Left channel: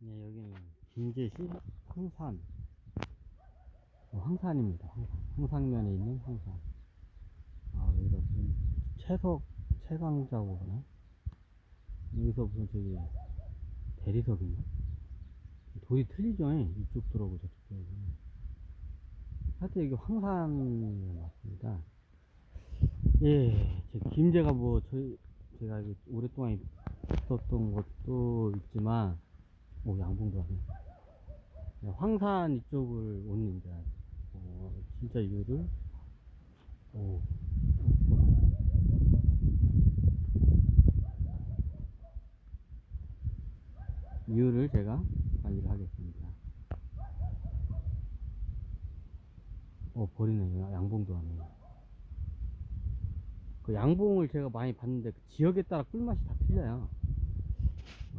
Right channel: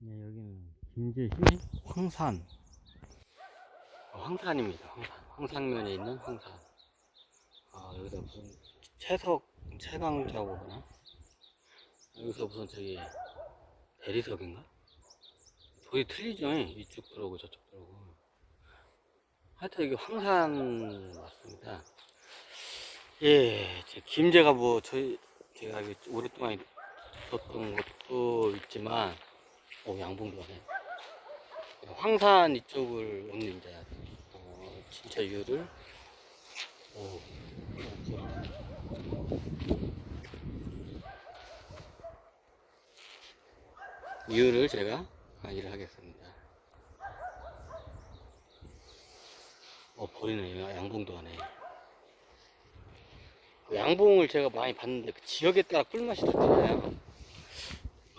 네, 여기는 김제시 황산. 황산입니다. 황산면에 있는 황산. 여기다 무슨 채석, 채광자고 그러나? 여기서 무슨 저기 대리석인가? 돌이 틀리죠? 이쪽 들어오고 저쪽 들어오고. 하여튼 여기 황산 맞습니다. 예, 김제가 뭐 제가 오랫동안 있었던 것도 있지만, 양봉도 하네. 황산 이쪽을 오는 이제 진짜 이유를 오, 이유를 제가 강의를 하겠습니다. 버리네. 양봉도 하네. 그 양봉을 제가 많이 봤는데 그 지역에 따라 꿀맛이 다 틀려요.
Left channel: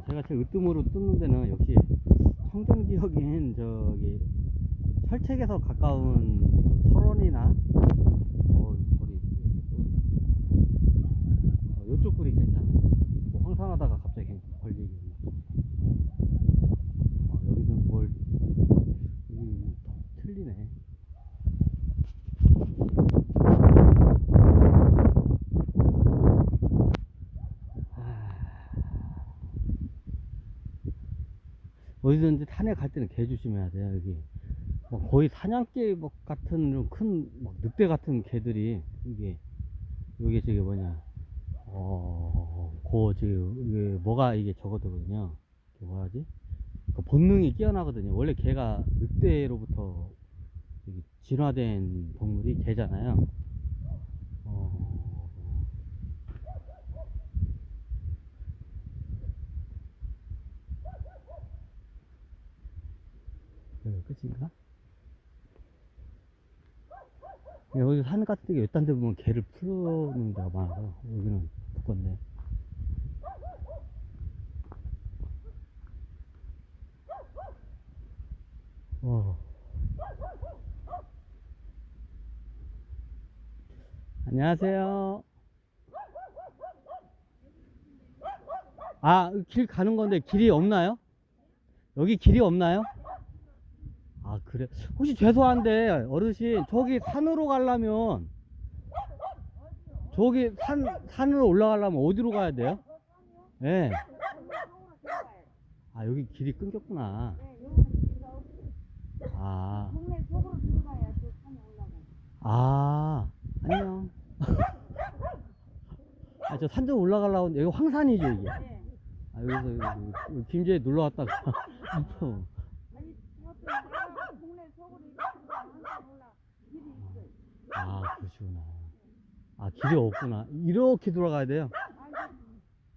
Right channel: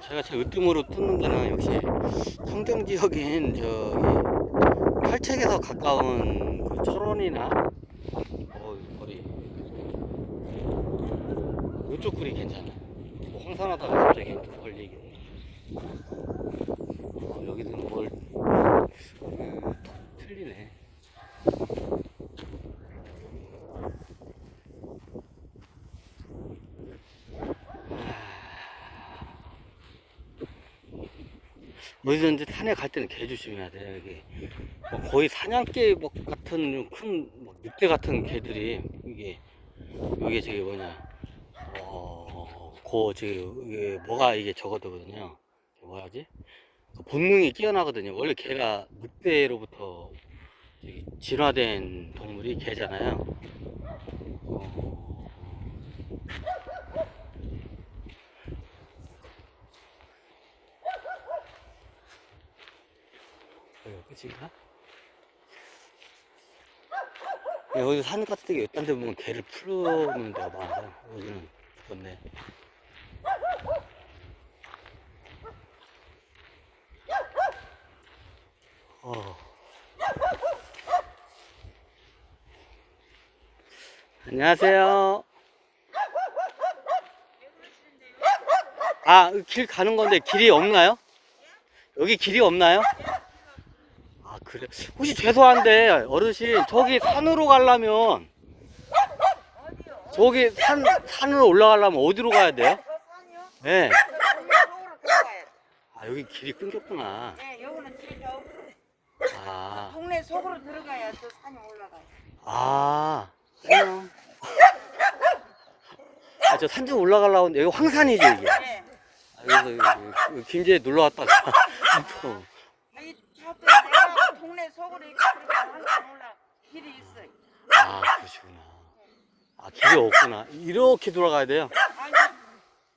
제가 제일 으뜸으로 뜯는 데는 역시 청정 지역인 저기 팔책에서 가까운 그 철원이나 거리 이쪽 꿀이 괜찮아요. 뭐 황산하다가 갑자기 걸리기. 여기는 뭘 틀리네. 어디든지 산에 갈 때는 개 조심해야 돼요. 여기 뭐 거의 사냥개 같은 큰 늑대 같은 개들이 이게 저기 뭐냐 이게 뭐가 이게 저거거든요. 뭐라지? 그 본능이 뛰어나거든요. 원래 개가 늑대로부터 진화된 동물이 개잖아요. 끝인가? 여기 산 같은 데 이딴 데 보면 개를 풀어놓는 데가 많아서 여기는 죽었네. 안녕하세요. 길 가는 건데 길이 없나요? 여기 길이 없나요? 그래. 혹시 죄송한데 어르신 저기 산으로 가려면 저기 산으로 올라가려면 어디로 가야 돼요? 저 산이요? 네. 동네 속으로 들어가야 돼. 여기 길이 끊겼구나. 네, 여기는 길이 없어. 동네 속으로 들어가야 저 산이 올라가요. 안녕. 저 산 좀 올라가려고 하는데 여기 황산이죠 이게. 네. 여기서 김제에 놀러 왔다가 또. 이 저도 내가 동네 속으로 이렇게 들어가면 한산 올라 길이 있어요. 그러시구나. 길이 없구나. 이렇게 돌아가야 돼요. 아니,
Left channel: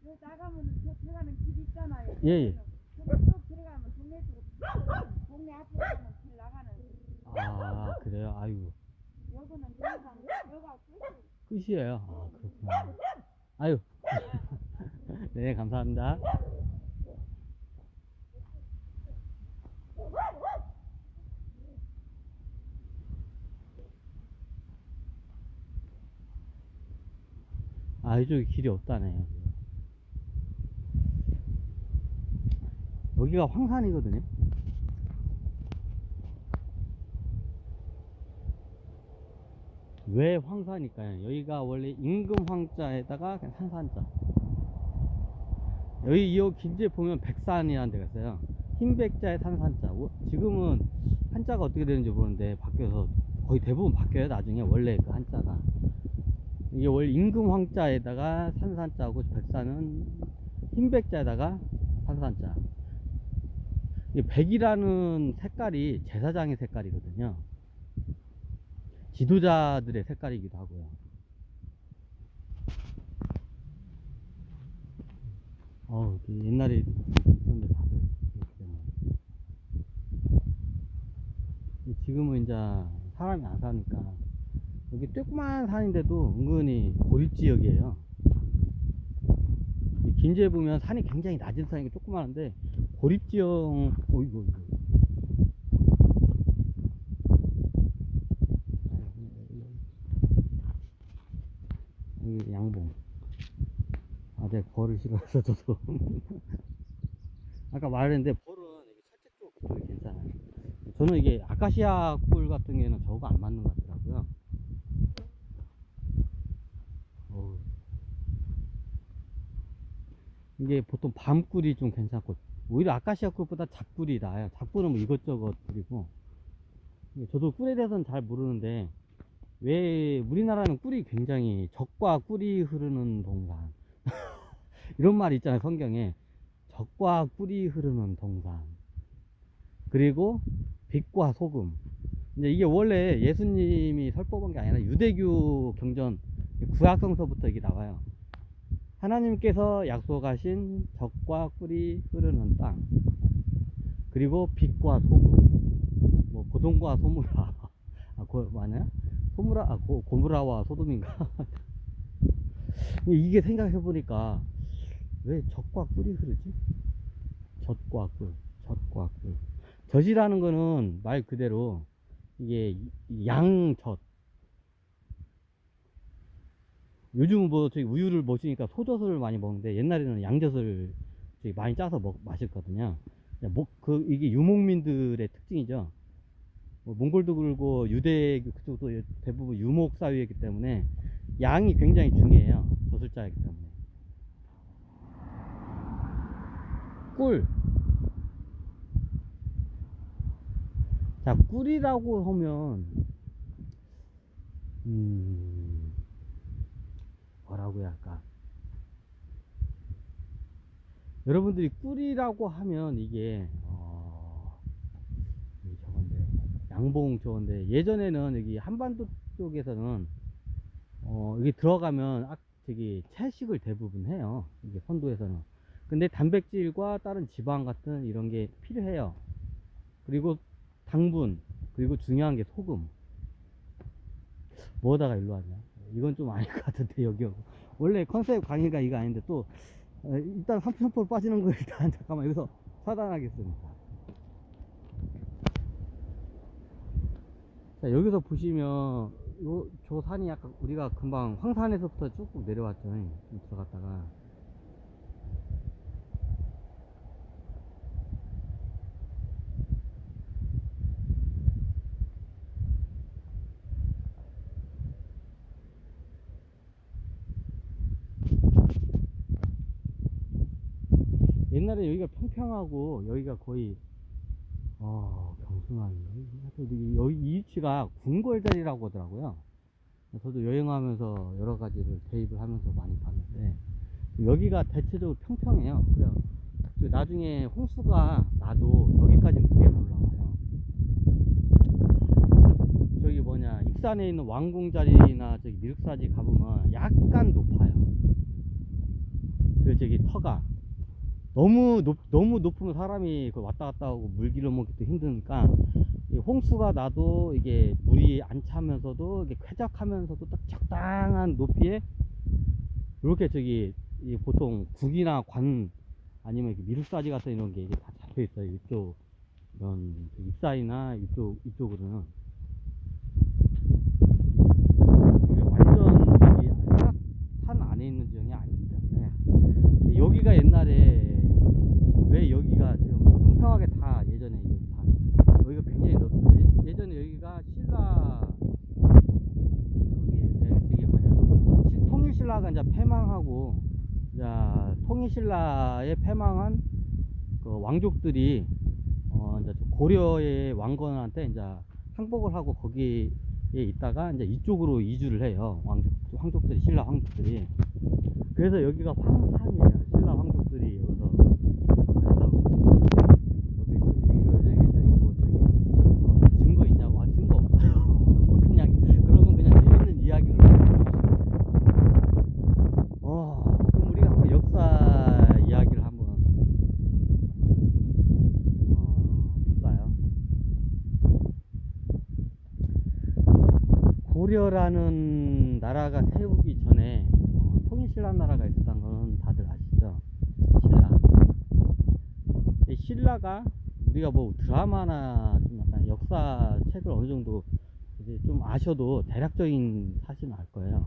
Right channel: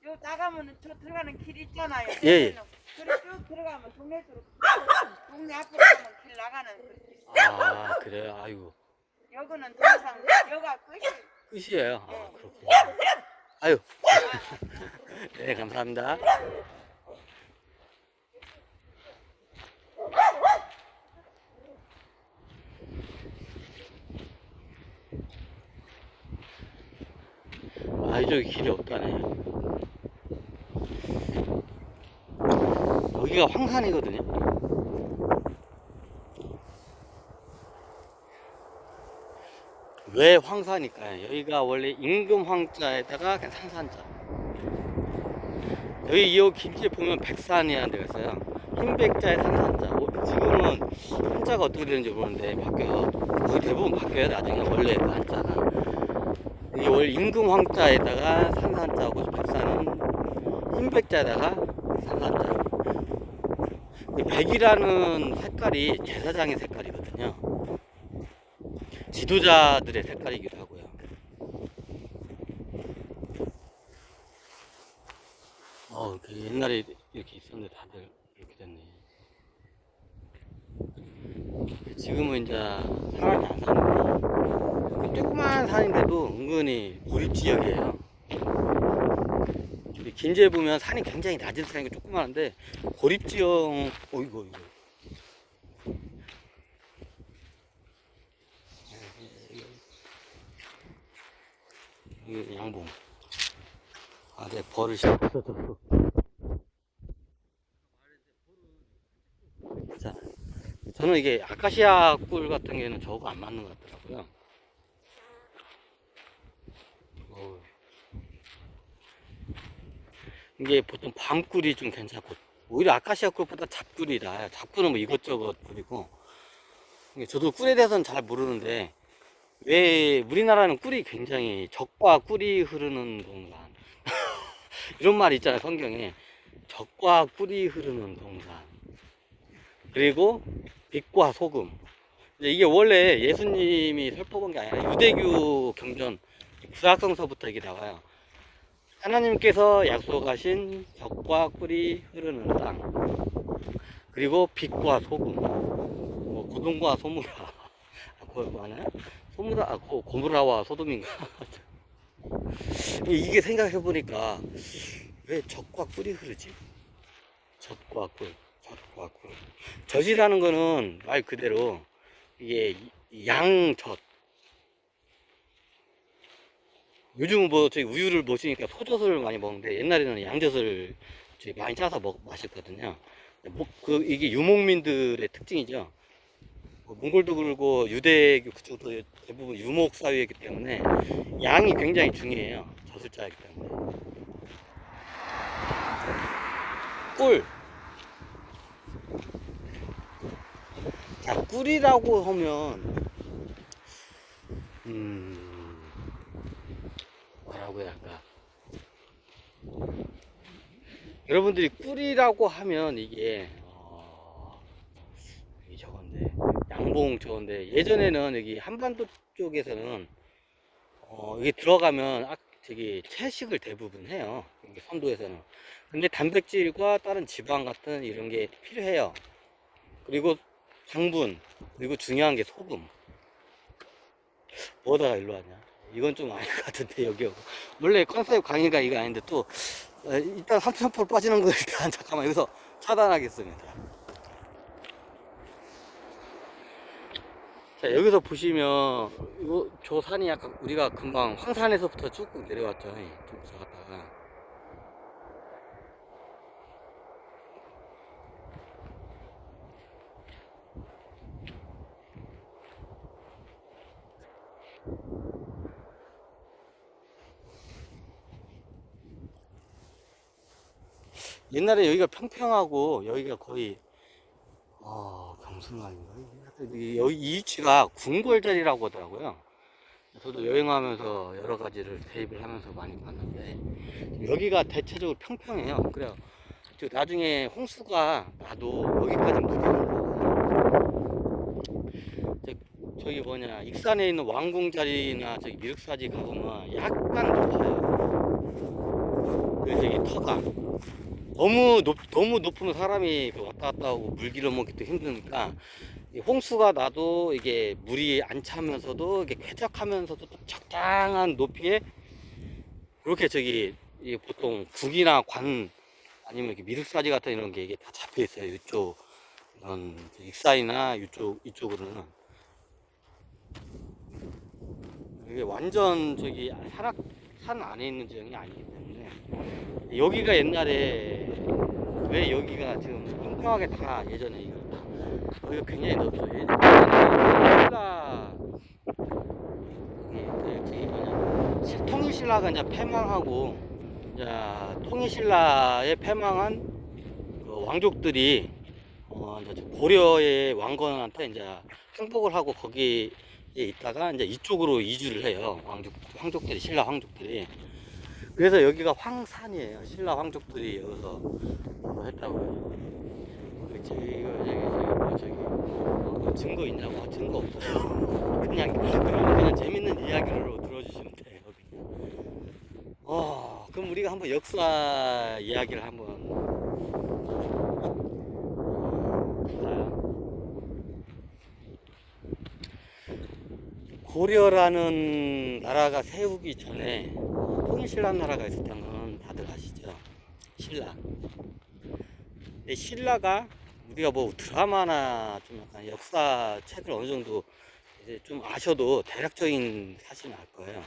요 나가면 저 들어가는 길 있잖아요. 예. 그래 쭉 들어가면 동네 쪽으로 동네 앞으로 가면 길 나가는 그 있어요. 그래요. 아이고. 여기는 더 이상 여가 끝이. 끝이에요. 그렇구나. 아유. 네, 감사합니다. 이쪽에 길이 없다네. 여기가 황산이거든요. 왜 황산일까요? 여기가 원래 임금 황자에다가 그냥 산산자. 여기 이 길지에 보면 백산이라는 데가 있어요. 흰백자에 산산자. 지금은 한자가 어떻게 되는지 모르는데 바뀌어서 거의 대부분 바뀌어요. 나중에 원래 그 한자가. 이게 원래 임금 황자에다가 산산자고 백산은 흰백자에다가 산산자. 백이라는 색깔이 제사장의 색깔이거든요. 지도자들의 색깔이기도 하고요. 옛날에 이렇게 있었는데 다들 이렇게 됐네. 지금은 이제 사람이 안 사는데 조그만 산인데도 은근히 고립지역이에요. 김제에 보면 산이 굉장히 낮은 산이고 조그만한데 고립지역. 이거 이게 양봉. 내 버릇이 없어서 아까 말했는데 벌은 괜찮아요. 저는 이게 아카시아 꿀 같은 경우에는 저거 안 맞는 것 같더라고요. 어우. 이게 보통 밤꿀이 좀 괜찮고, 오히려 아카시아 꿀보다 잡꿀이라, 잡꿀은 뭐 이것저것 꿀이고, 이게 저도 꿀에 대해서는 잘 모르는데, 왜 우리나라는 꿀이 굉장히 적과 꿀이 흐르는 동산. 이런 말 있잖아요, 성경에. 적과 꿀이 흐르는 동산. 그리고 빛과 소금. 이제 이게 원래 예수님이 설법한 게 아니라 유대교 경전 구약성서부터 이게 나와요. 하나님께서 약속하신 적과 꿀이 흐르는 땅, 그리고 빛과 소금, 뭐 고동과 소무라, 뭐하나요? 소무라, 고무라와 소돔인가? 이게 생각해 보니까 왜 적과 꿀이 흐르지? 젖과 꿀, 젖과 꿀. 젖이라는 거는 말 그대로 이게 양젖. 요즘 뭐 저희 우유를 마시니까 소젖을 많이 먹는데 옛날에는 양젖을 많이 짜서 마셨거든요. 이게 유목민들의 특징이죠. 뭐 몽골도 그러고 유대교 그쪽도 대부분 유목 사회이기 때문에 양이 굉장히 중요해요. 젖을 짜기 때문에. 꿀. 자, 꿀이라고 하면 뭐라고 해야 할까? 여러분들이 꿀이라고 하면 이게 이게 저건데 양봉 저건데 예전에는 여기 한반도 쪽에서는 이게 들어가면 저기 채식을 대부분 해요. 여기 선도에서는. 근데 단백질과 다른 지방 같은 이런 게 필요해요. 그리고 당분, 그리고 중요한 게 소금. 뭐다가 일로 하냐? 이건 좀 아닐 것 같은데 여기 원래 컨셉 강의가 이거 아닌데 또 일단 3,000% 빠지는 거 일단 잠깐만 여기서 차단하겠습니다. 자, 여기서 보시면 저 산이 약간 우리가 금방 황산에서부터 쭉 내려왔죠. 좀 들어갔다가 옛날에 여기가 평평하고 여기가 거의 경순아인가? 여기 이 위치가 궁궐자리라고 하더라고요. 저도 여행하면서 여러 가지를 대입을 하면서 많이 봤는데 여기가 대체적으로 평평해요. 그래요. 나중에 홍수가 나도 여기까지 물이 안 올라가요. 저기 뭐냐 익산에 있는 왕궁자리나 저기 미륵사지 가보면 약간 높아요. 그 저기 터가 너무 높으면 사람이 왔다 갔다 하고 물 길어 먹기도 힘드니까 홍수가 나도 이게 물이 안 차면서도 이게 쾌적하면서도 또 적당한 높이에 이렇게 저기 보통 국이나 관 아니면 이렇게 미륵사지 같은 이런 게 이게 다 잡혀 있어요. 이쪽 이런 익사이나 이쪽으로는 이게 완전 저기 산 안에 있는 지형이 아니기 때문에 여기가 옛날에 왜 여기가 지금 평평하게 다 예전에 이거 다 여기가 굉장히 넓죠. 예전에 신라 저기 뭐냐 통일신라가 이제 패망하고 이제 통일신라에 패망한 그 왕족들이 이제 고려의 왕건한테 이제 항복을 하고 거기에 있다가 이제 이쪽으로 이주를 해요. 황족들이 신라 황족들이. 그래서 여기가 황산이에요. 신라 황족들이 여기서 했다고요. 증거 있냐고? 증거 없어요. 그냥 재밌는 이야기를 들어주시면 돼요. 그럼 우리가 한번 역사 이야기를 한번 볼까요? 고려라는 나라가 세우기 전에 통일신라 나라가 있었다는 건 다들 아시죠? 신라가 우리가 뭐 드라마나 좀 약간 역사 책을 어느 정도 이제 좀 아셔도 대략적인 사실은 알 거예요.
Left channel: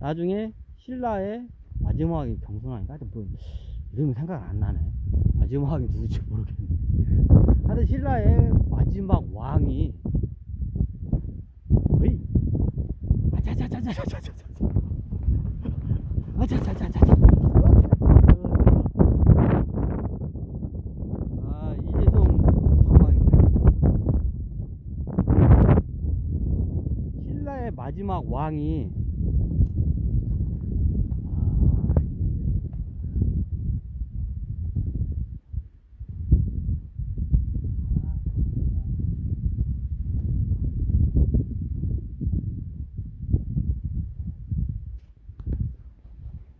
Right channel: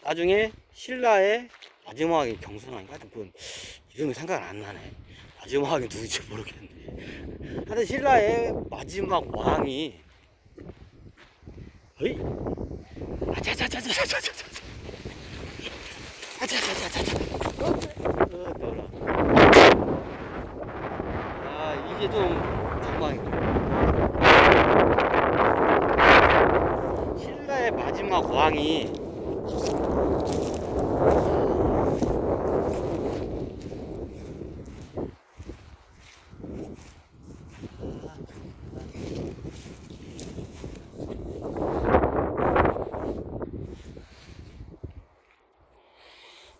나중에 신라의 마지막에 경순왕인가? 뭐 이름이 생각 안 나네. 마지막에 누구지 모르겠는데 하여튼 신라의 마지막 왕이 어이 아차차차차차차차차 아차차차차차 아 이게 좀 전망이다. 신라의 마지막 왕이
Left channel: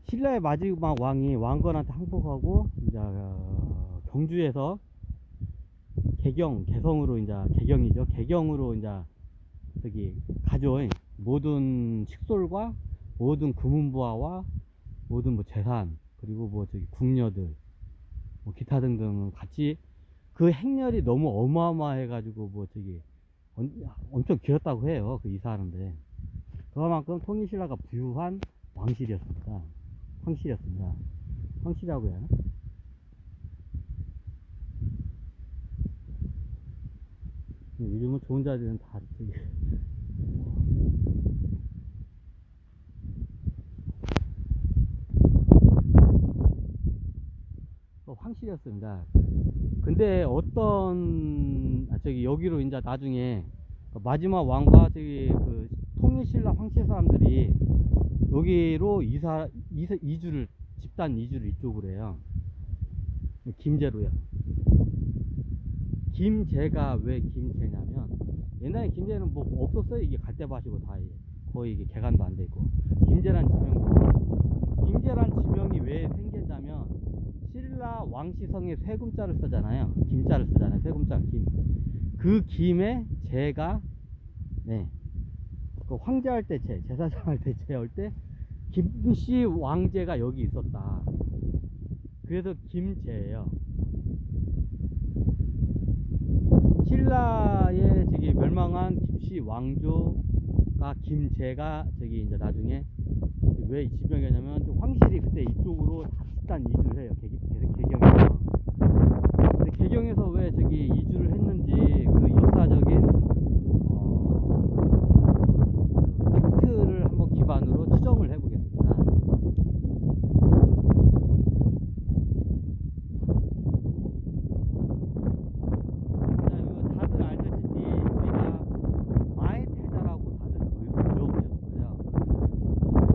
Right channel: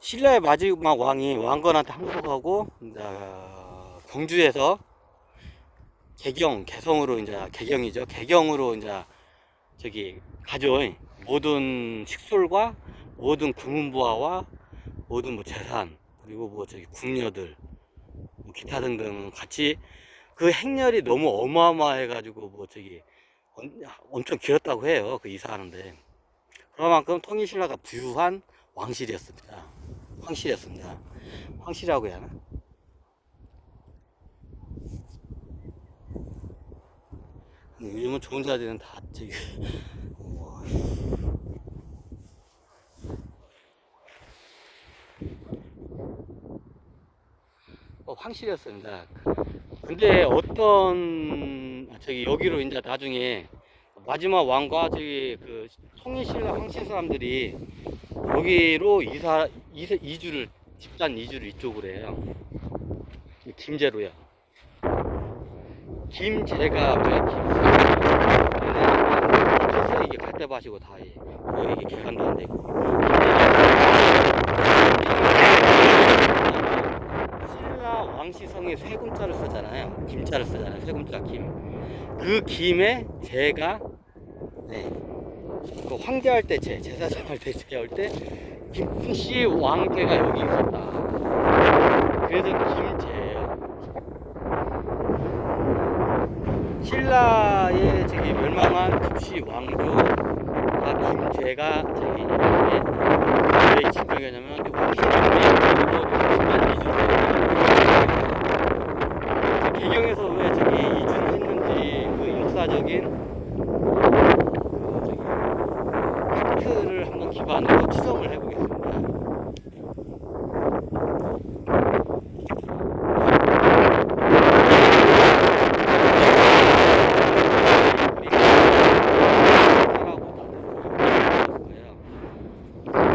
신라의 마지막 왕이 왕건한테 항복하고 이제 경주에서 개경으로 이제 개경이죠. 개경으로 이제 저기 가져온 모든 식솔과 모든 금은부화와 모든 뭐 재산 그리고 뭐 저기 궁녀들 뭐 기타 등등 같이 그 행렬이 너무 어마어마해가지고 뭐 저기 엄청 길었다고 해요. 그 이사하는데 그만큼 통일신라가 부유한 왕실이었습니다. 황실이었습니다. 황실이라고 해야 하나? 요즘은 좋은 자들은 다 저기 황실이었습니다. 근데 어떤 저기 여기로 이제 나중에 마지막 왕과 저기 그 통일신라 황실 사람들이 여기로 이주를 집단 이주를 이쪽으로 해요. 김제로요. 김제가 왜 김제? 없었어요. 이게 갈대밭이고 다 거의 이게 개간도 안 되고. 신라 왕시성에 세 금자를 쓰잖아요. 김자를 쓰잖아요. 세 금자 김. 그 김에 제가 네. 그 황제할 때 제사장할 때 제할 때 김씨 왕제가 여기 있었다. 그래서 김제예요. 신라의 저기 멸망한 김씨 왕조가 김제가 저기 이제 왜 진정이냐면 황실이 집단 이주를 개경에서 왜 저기 이주를 했는지 그 역사적인 팩트를 한번 기반으로 추정을 해보겠습니다.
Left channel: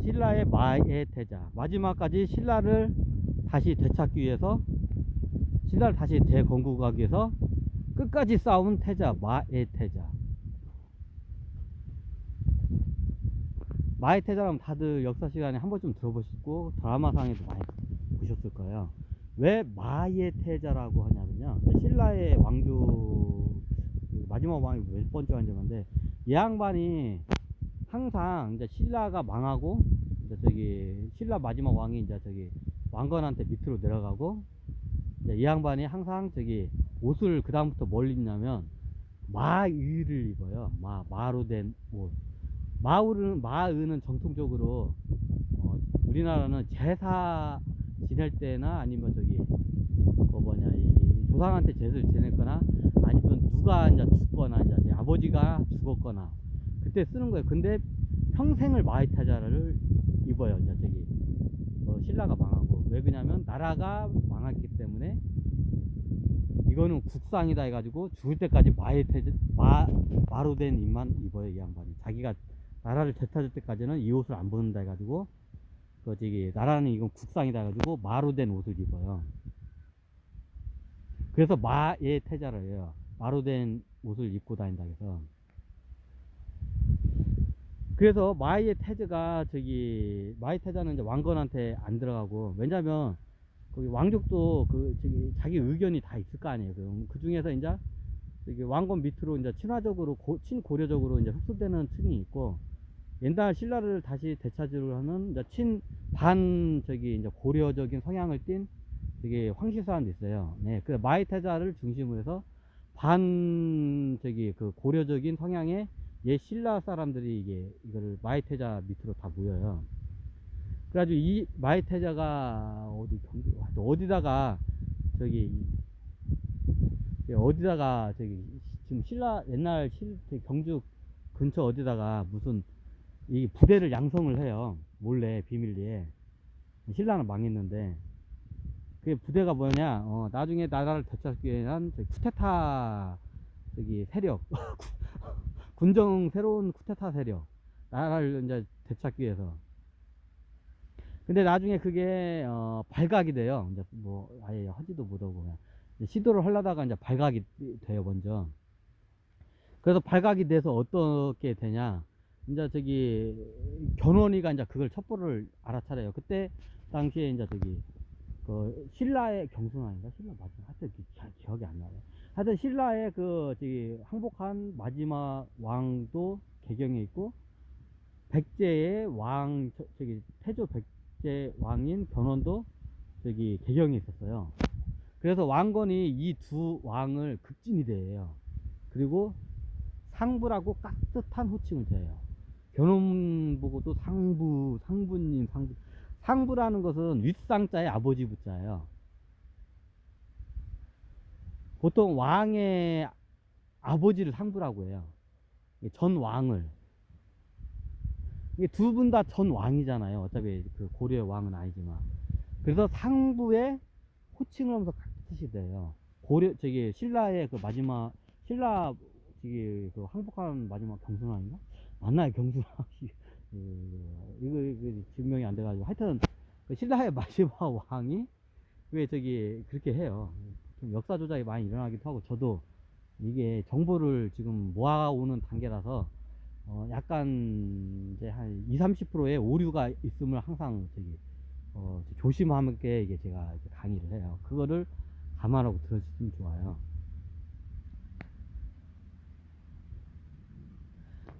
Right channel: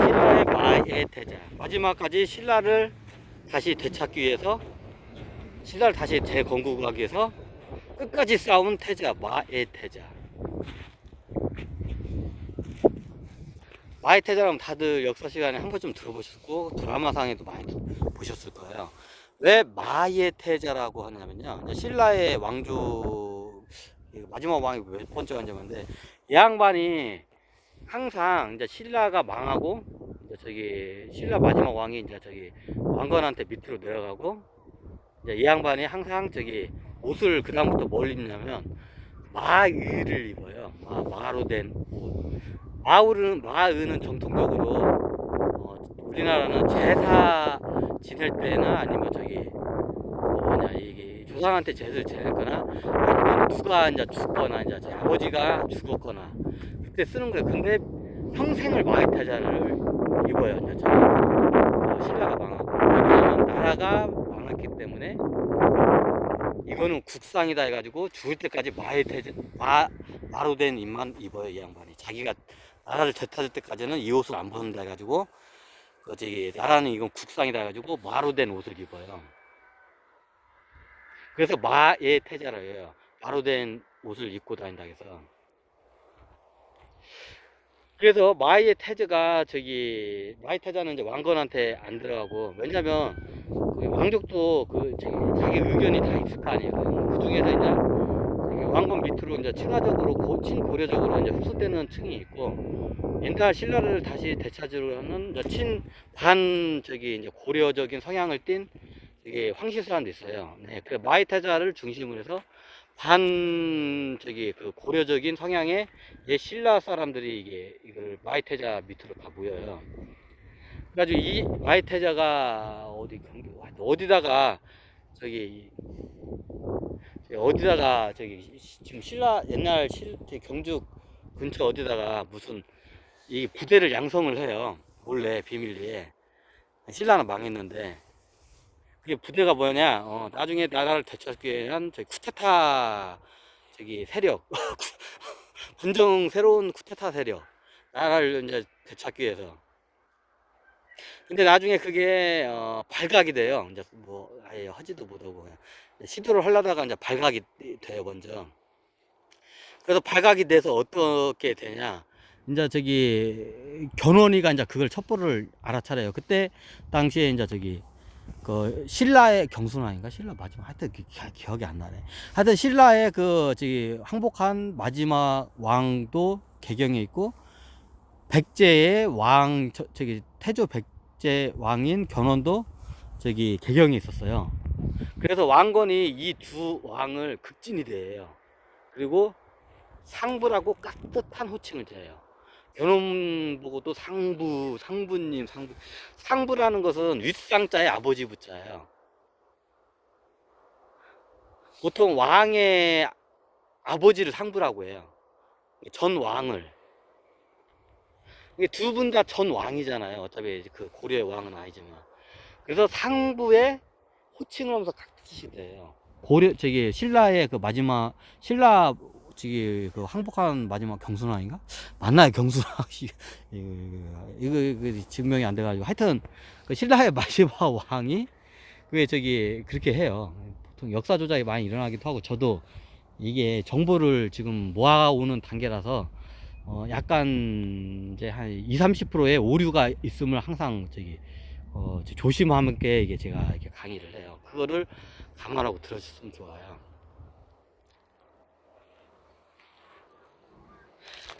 신라의 마애태자 마지막까지 신라를 다시 되찾기 위해서 신라를 다시 재건국하기 위해서 끝까지 싸운 태자 마애태자. 마애태자라면 다들 역사 시간에 한 번쯤 들어보셨고 드라마상에도 많이 보셨을 거예요. 왜 마애태자라고 하냐면요, 신라의 왕조 마지막 왕이 몇 번째 왕자인데 이 양반이 항상 이제 신라가 망하고 이제 저기 신라 마지막 왕이 이제 저기 왕건한테 밑으로 내려가고 이제 이 양반이 항상 저기 옷을 그 다음부터 뭘 입냐면 마의를 입어요. 마로 된 옷. 마의는 정통적으로 우리나라는 제사 지낼 때나 아니면 저기 뭐냐 이게 조상한테 제사를 지냈거나 아니면 누가 이제 죽거나 이제 제 아버지가 죽었거나 그때 쓰는 거예요. 근데 평생을 마의태자를 입어요. 이제 저기 신라가 망하고 왜냐면 나라가 망했기 때문에 이거는 국상이다 해가지고 죽을 때까지 마로 된 옷만 입어요. 이 양반이 자기가 나라를 되찾을 때까지는 이 옷을 안 벗는다 해가지고 그 저기 나라는 이건 국상이다 해가지고 마로 된 옷을 입어요. 그래서 마의 태자라 해요. 마로 된 옷을 입고 다닌다 해서. 그래서 마의 태자가 저기 마의 태자는 이제 왕건한테 안 들어가고 왜냐면 그 왕족도 그 저기 자기 의견이 다 있을 거 아니에요. 그 중에서 이제 왕건 밑으로 이제 친화적으로 친고려적으로 이제 흡수되는 층이 있고 옛날 신라를 다시 되찾으려는 이제 친관 저기 이제 고려적인 성향을 띤 이게 황실 사람도 있어요. 네, 그 마이태자를 중심으로 해서 반 저기 그 고려적인 성향의 옛 신라 사람들이 이걸 마이태자 밑으로 다 모여요. 그래가지고 이 마이태자가 어디다가 저기 어디다가 지금 신라 옛날 경주 근처 어디다가 무슨 이 부대를 양성을 해요. 몰래 비밀리에. 신라는 망했는데 그게 부대가 뭐냐? 나중에 나라를 되찾기 위한 쿠데타 세력, 군정 새로운 쿠데타 세력, 나라를 이제 되찾기 위해서. 근데 나중에 그게 발각이 돼요. 이제 뭐 아예 하지도 못하고 그냥 시도를 하려다가 이제 발각이 돼요 먼저. 그래서 발각이 돼서 어떻게 되냐? 이제 견훤이가 이제 그걸 첩보를 알아차려요. 그때 당시에 이제 그 신라의 경순왕인가 신라 마지막 하여튼 기억이 안 나네. 하여튼 신라의 항복한 마지막 왕도 개경에 있고 백제의 왕 태조 백제 왕인 견훤도 개경에 있었어요. 그래서 왕건이 이 두 왕을 극진히 대해요. 그리고 상부라고 깍듯한 호칭을 대요. 견훤 보고도 상부님, 상부라는 것은 윗상자의 아버지 부자예요. 보통 왕의 아버지를 상부라고 해요. 전 왕을. 두 분 다 전 왕이잖아요. 어차피 그 고려의 왕은 아니지만. 그래서 상부의 호칭을 하면서 깍듯이 돼요. 신라의 그 마지막, 그 항복한 마지막 경순왕인가? 맞나요? 경순왕. 이거 증명이 안 돼가지고. 하여튼, 그 신라의 마지막 왕이, 그렇게 해요. 보통 역사 조작이 많이 일어나기도 하고, 저도 이게 정보를 지금 모아오는 단계라서, 약간, 이제 한 20, 30%의 오류가 있음을 항상 조심함께 이게 제가 이렇게 강의를 해요. 그거를 감안하고 들어주시면 좋아요.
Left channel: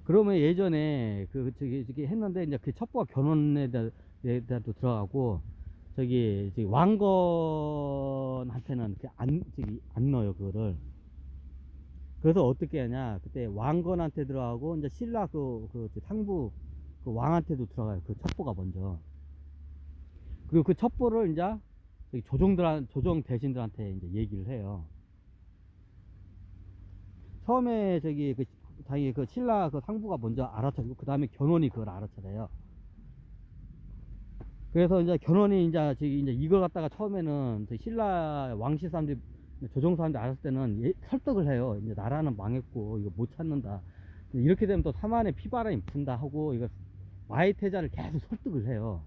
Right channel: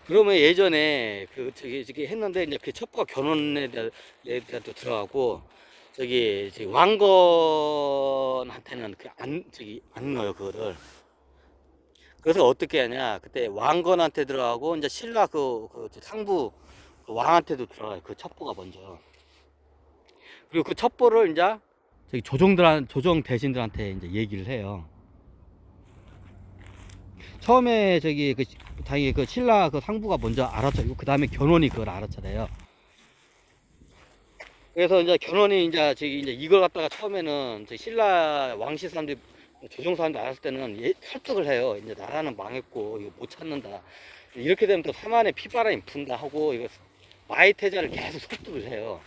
그러면 예전에 했는데 이제 그 첩보가 견훤에 대한 또 들어가고 왕건한테는 안 넣어요 그거를. 그래서 어떻게 하냐 그때 왕건한테 들어가고 이제 신라 상부 그 왕한테도 들어가요 그 첩보가 먼저. 그리고 그 첩보를 이제 조정 대신들한테 이제 얘기를 해요. 처음에 다행히 그 신라 그 상부가 먼저 알아차리고 그 다음에 견훤이 그걸 알아차려요. 그래서 이제 견훤이 이제 이걸 갖다가 처음에는 신라 왕실 사람들 조정 사람들 알았을 때는 설득을 해요. 이제 나라는 망했고 이거 못 찾는다. 이렇게 되면 또 사만의 피바람이 분다 하고 이거 마이태자를 계속 설득을 해요.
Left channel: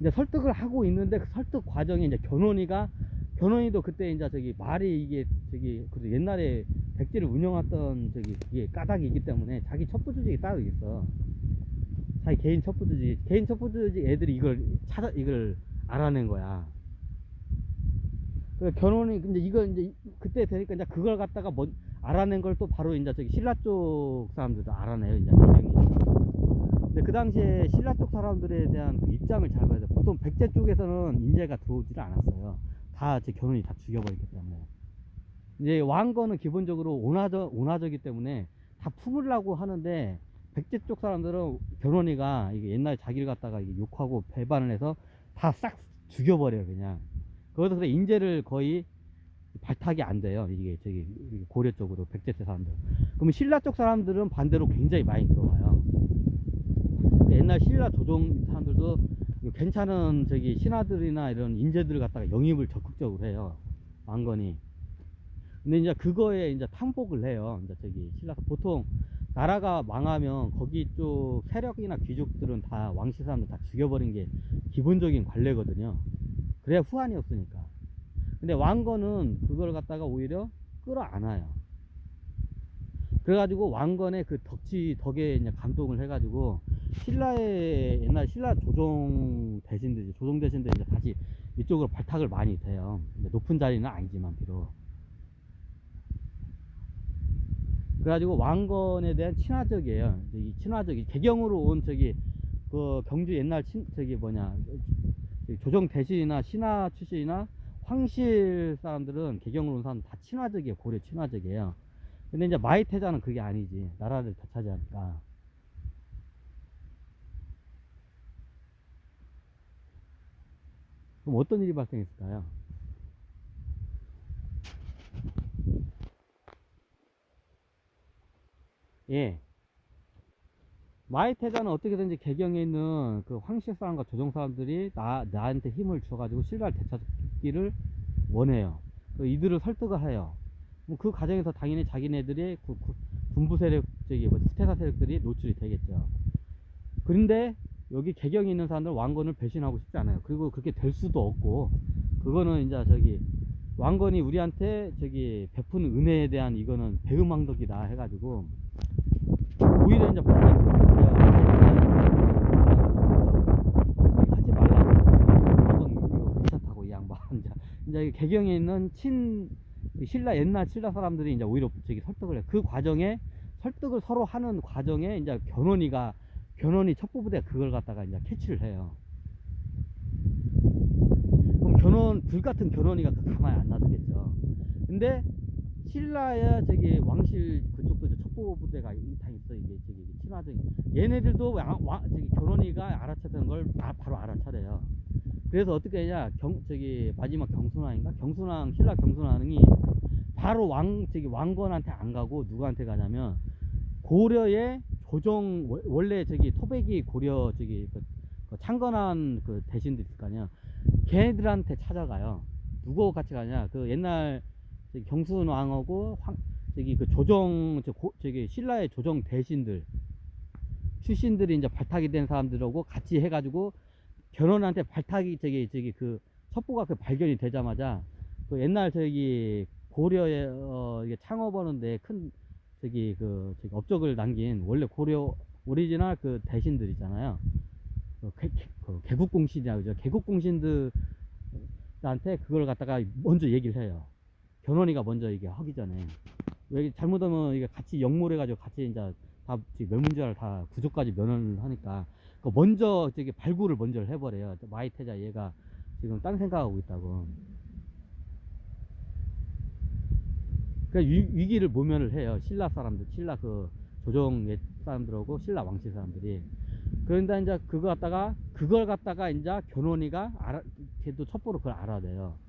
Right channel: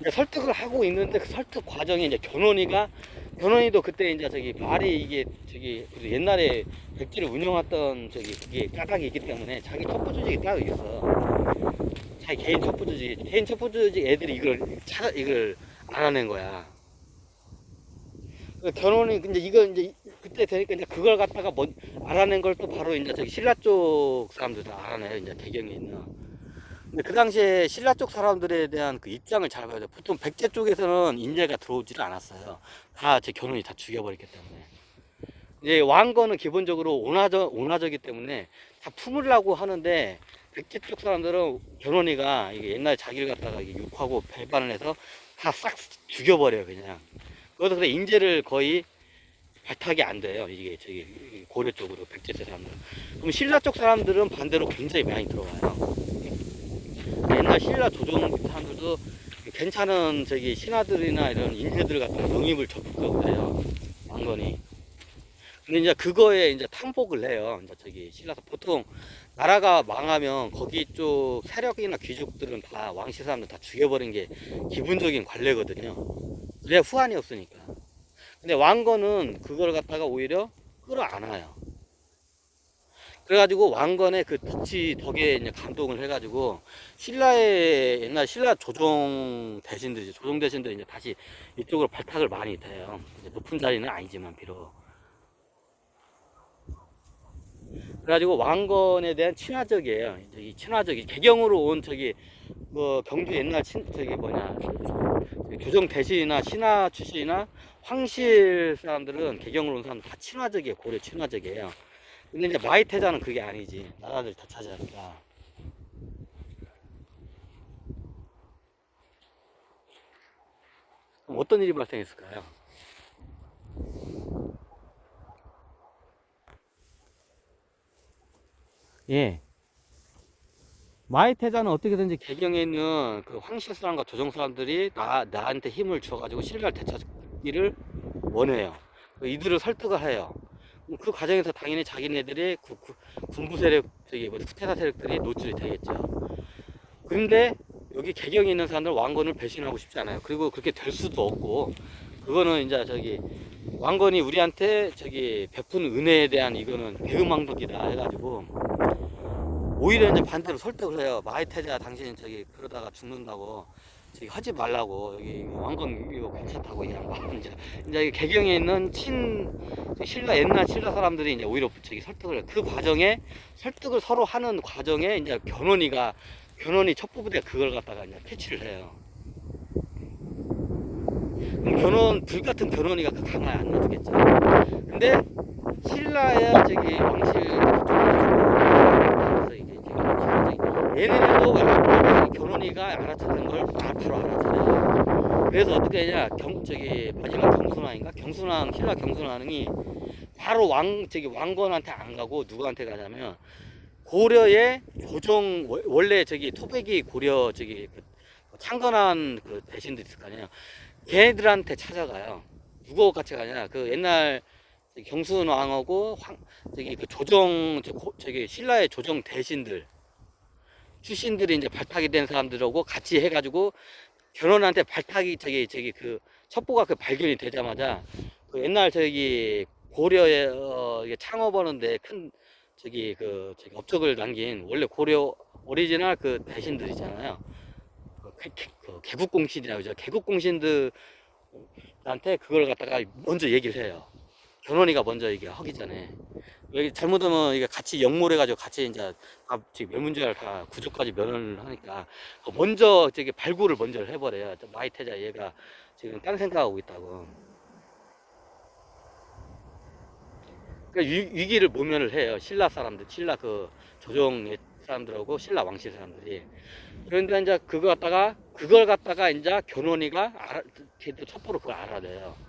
이제 설득을 하고 있는데 그 설득 과정에 이제 견훤이도 그때 이제 말이 이게 그래도 옛날에 백지를 운영했던 그게 까닭이 있기 때문에 자기 첩보 조직이 따로 있어. 자기 개인 첩보 조직 애들이 이걸 알아낸 거야. 견훤이 근데 이제 그때 되니까 이제 그걸 갖다가 알아낸 걸 또 바로 이제 신라 쪽 사람들도 알아내요. 이제 개경에 있는. 근데 그 당시에 신라 쪽 사람들에 대한 그 입장을 잘 봐야 돼. 보통 백제 쪽에서는 인재가 들어오지를 않았어요. 다 제 견훤이 다 죽여버렸기 때문에. 이제 왕건은 기본적으로 온화적이기 때문에 다 품으려고 하는데 백제 쪽 사람들은 견훤이가 이게 옛날에 자기를 갖다가 욕하고 배반을 해서 다 싹 죽여버려요 그냥. 그래서 그래 인재를 거의 발탁이 안 돼요. 이게 고려 쪽으로 백제세 사람들. 그럼 신라 쪽 사람들은 반대로 굉장히 많이 들어와요. 옛날 신라 조정 사람들도 괜찮은 신하들이나 이런 인재들 갖다가 영입을 적극적으로 해요. 왕건이. 근데 이제 그거에 이제 탕복을 해요. 이제 신라서 보통 나라가 망하면 거기 쪽 세력이나 귀족들은 다 왕실 사람들 다 죽여버린 게 기본적인 관례거든요. 그래야 후환이 없으니까. 근데 왕건은 그걸 갖다가 오히려 끌어안아요. 그래가지고 왕건의 그 덕에 이제 감동을 해가지고 옛날 신라 조정 대신들이 이제 다시 이쪽으로 발탁을 많이 돼요. 높은 자리는 아니지만 비록. 그래가지고 왕건에 대한 친화적이에요. 이 개경으로 온 그 경주 옛날 조정 대신이나 신하 출신이나 황실 사람들은 개경으로 온 사람 다 친화적이에요. 고려 친화적이에요. 근데 이제 마이태자는 그게 아니지. 나라를 다 차지하니까. 그럼 어떤 일이 발생했을까요? 예. 마이태자는 어떻게든지 개경에 있는 그 황실 사람과 조정 사람들이 나한테 힘을 줘가지고 신라를 되찾기를 원해요. 이들을 설득을 해요. 그 과정에서 당연히 자기네들의 군부 세력, 저기 후퇴사 세력들이 노출이 되겠죠. 그런데 여기 개경에 있는 사람들 왕건을 배신하고 싶지 않아요. 그리고 그렇게 될 수도 없고, 그거는 이제 저기 왕건이 우리한테 저기 베푼 은혜에 대한 이거는 배은망덕이다 해가지고 오히려 이제 반대로 설득을 해요. 마이태자 당신 저기 그러다가 죽는다고 저기 하지 말라고, 여기 왕건 이거 괜찮다고 이 양반. 이제 개경에 있는 신라 옛날 신라 사람들이 이제 오히려 저기 설득을 해요. 그 과정에 설득을 서로 하는 과정에 이제 견훤이 첩보부대가 그걸 갖다가 이제 캐치를 해요. 그럼 불같은 견훤이가 강화에 안 놔두겠죠. 근데 신라의 저기 왕실 얘네들도 견훤이가 알아차는 걸 바로 알아차려요. 그래서 어떻게 하냐, 마지막 신라 경순왕이 바로 왕건한테 안 가고 누구한테 가냐면 고려의 원래 토백이 고려 창건한 그 대신들 있을 거 아니에요. 걔네들한테 찾아가요. 누구 같이 가냐, 그 옛날 경순왕하고 신라의 조정 대신들 출신들이 이제 발탁이 된 사람들하고 같이 해가지고 견훤한테 발탁이 그 첩보가 그 발견이 되자마자 그 옛날 고려에 이게 창업하는데 큰 업적을 남긴 원래 고려 오리지널 그 대신들 있잖아요. 그 개국공신이라고 그러죠. 개국공신들한테 그걸 갖다가 먼저 얘기를 해요. 견훤이가 먼저 이게 하기 전에. 왜 잘못하면 이게 같이 역몰해가지고 같이 이제 멸문지를 다 구조까지 면을 하니까 먼저 발굴을 먼저 해버려요. 마이태자 얘가 지금 딴 생각하고 있다고. 위기를 모면을 해요. 신라 그 조정 사람들하고 신라 왕실 사람들이. 그런데 이제 그걸 갖다가 이제 견훤이가 걔도 첩보로 그걸 알아내요.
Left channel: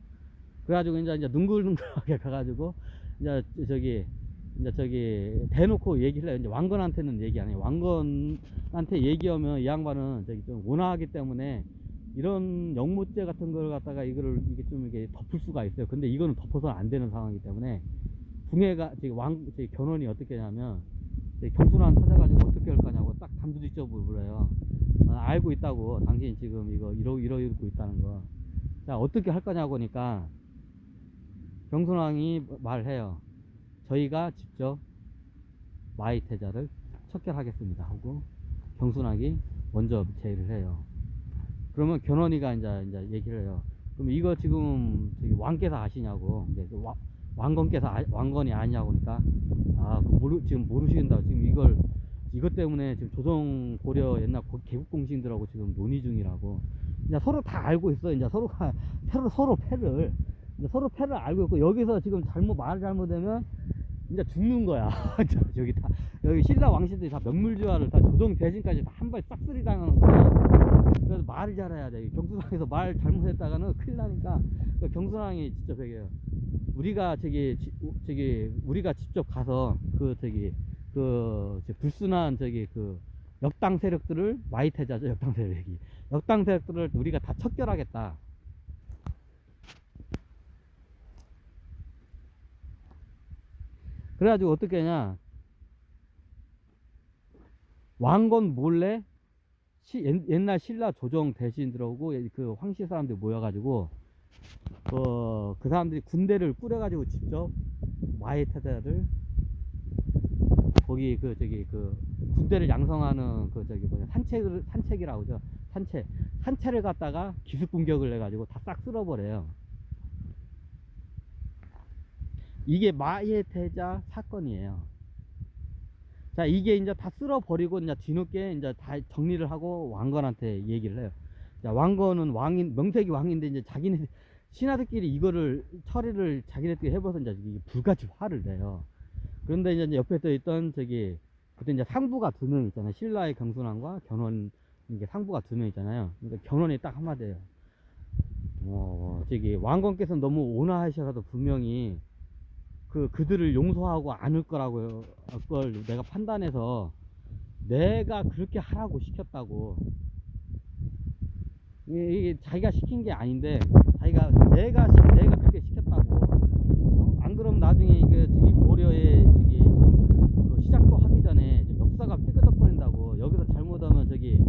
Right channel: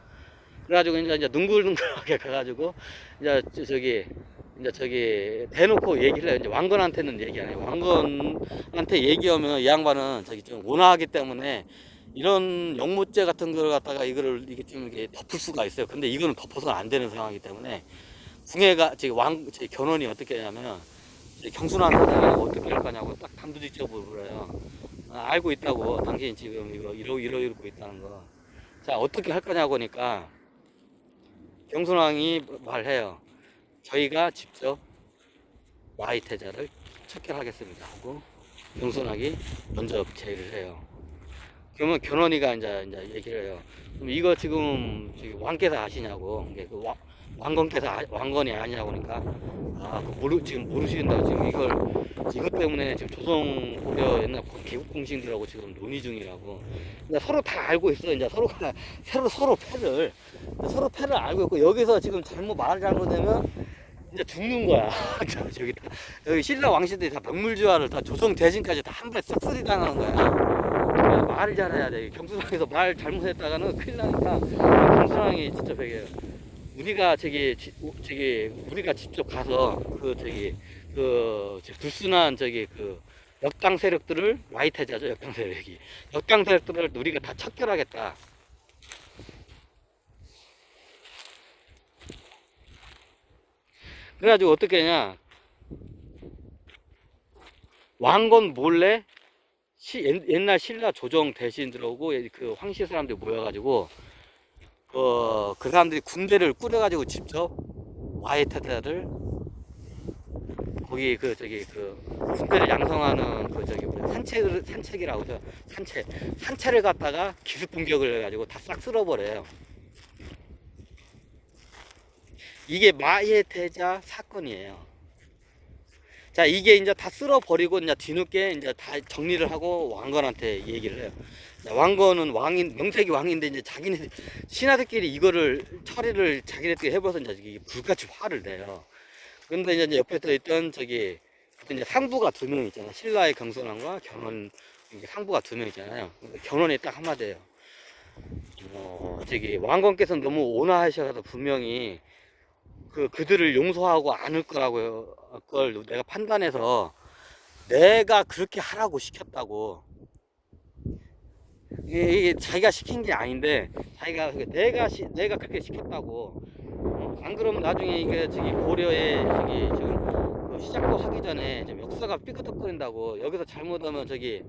그래가지고 이제 능글능글하게 가가지고 이제 대놓고 얘기를 해요. 이제 왕건한테는 얘기 안 해요. 왕건한테 얘기하면 이 양반은 좀 온화하기 때문에 이런 영모죄 같은 걸 갖다가 이게 좀 이게 덮을 수가 있어요. 근데 이거는 덮어서 안 되는 상황이기 때문에 궁예가 견훤이 어떻게 하냐면 경순한 사자가 어떻게 할 거냐고 딱 단도직입적으로 물어요. 알고 있다고, 당신 지금 이러고 있다는 거. 자, 어떻게 할 거냐고 하니까 경순왕이 말해요. 저희가 직접 마이태자를 척결하겠습니다 하고 경순왕이 먼저 제의를 해요. 그러면 견훤이가 이제 얘기를 해요. 그럼 이거 지금 왕께서 아시냐고. 왕건이 아니냐고 하니까 지금 모르시는다고, 지금 이것 때문에 지금 조선 고려 옛날 개국공신들하고 지금 논의 중이라고. 이제 서로 다 알고 있어. 이제 서로가 서로 패를 알고 있고, 여기서 지금 말을 잘못하면 이제 죽는 거야. 여기 신라 왕실들이 다 명물지화를 다 조정 대신까지 다 한 번에 싹쓸이 당하는 거야. 말을 잘해야 돼. 경순왕에서 말 잘못했다가는 큰일 나니까 경순왕이 진짜 베개요. 우리가 우리가 직접 가서 불순한 역당 세력들을, 마이태자죠, 역당 세력들을 우리가 다 척결하겠다. 그래가지고 어떻게 하냐, 왕건 몰래 옛날 신라 조정 대신들하고 그 황실 사람들 모여가지고 그 사람들이 군대를 꾸려가지고 직접 마이태자를 거기 군대를 양성하는 산책이라고 하죠. 산채를 갖다가 기습 공격을 해가지고 다 싹 쓸어버려요. 이게 마이태자 사건이에요. 자, 이게 이제 다 쓸어버리고 이제 뒤늦게 이제 다 정리를 하고 왕건한테 얘기를 해요. 왕건은 명색이 왕인데 이제 자기네 신하들끼리 이거를 처리를 자기네들끼리 해봐서 이제 불같이 화를 내요. 그런데 이제 옆에 또 있던 그때 이제 상부가 2명 있잖아요. 신라의 경순왕과 견훤, 이게 상부가 2명 있잖아요. 그러니까 견훤이 딱 한마디예요. 왕건께서 너무 온화하셔서 분명히 그들을 용서하고 않을 거라고 걸 내가 판단해서 내가 그렇게 하라고 시켰다고. 이게 자기가 시킨 게 아닌데 내가 그렇게 시켰다고. 안 그러면 나중에 이게 저기 고려에 저기 지금 그 시작도 하기 전에 좀 역사가 삐그덕거린다고. 여기서 잘못하면 저기